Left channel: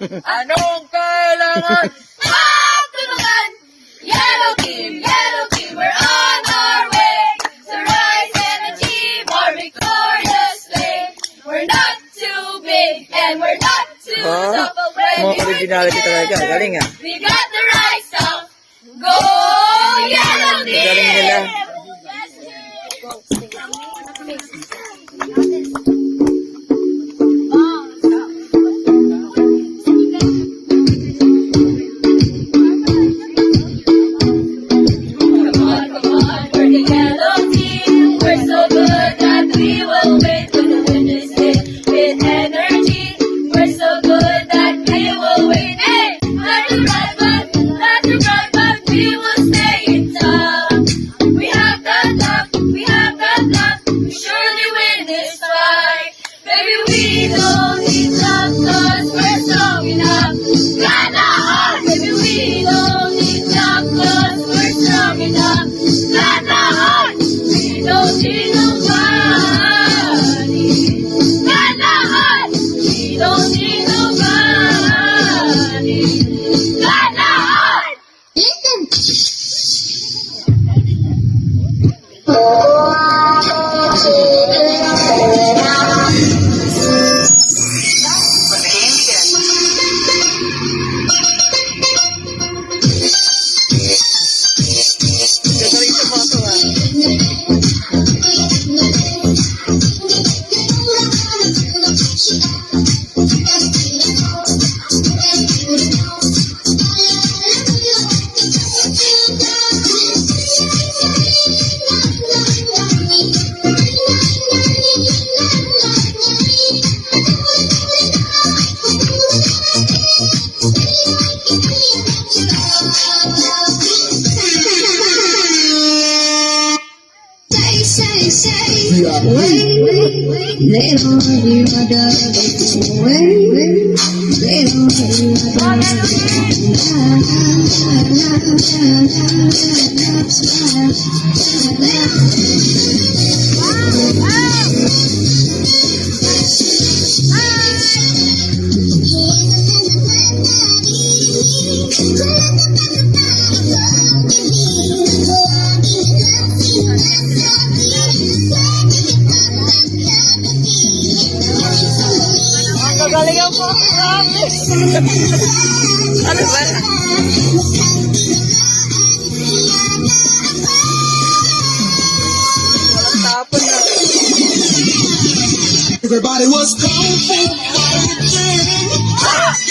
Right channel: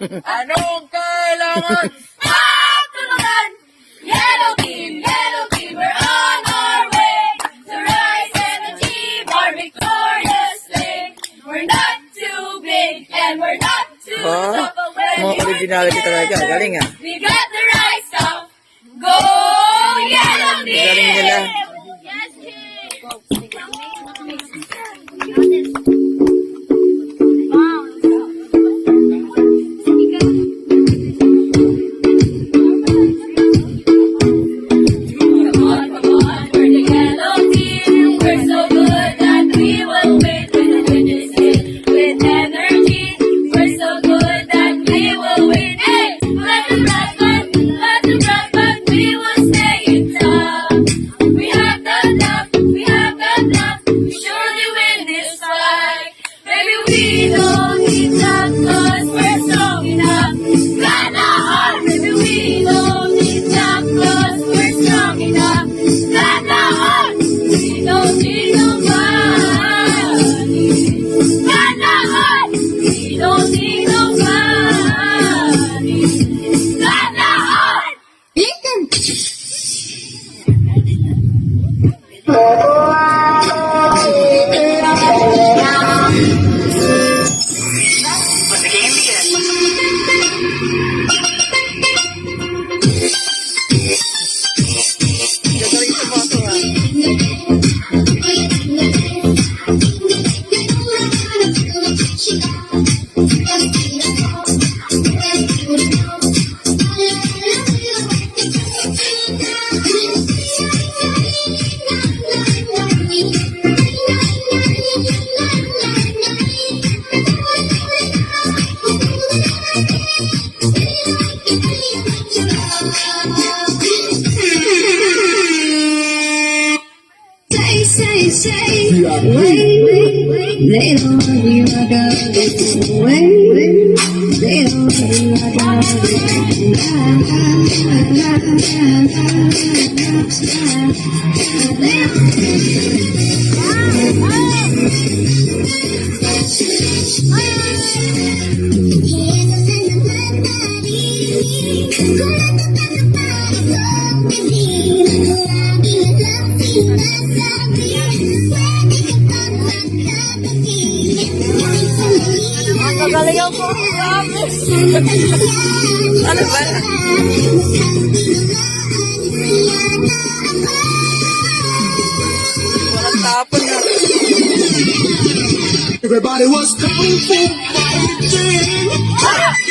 Anong kailangan? Tumagan! Yellow team, we're on our way. To Rise Energy Barbicorn sleigh. We're not too big and we're not too tough. But when Mga originality talaga. Galing ah. we got the right stuff. Go Yellow team! Galing nila. Gagaling sa mga to ah. They don't need my dog. They don't need Gagaling ako. Promise. Ano ba? Walang tapon na. Everybody was kung fu fighting.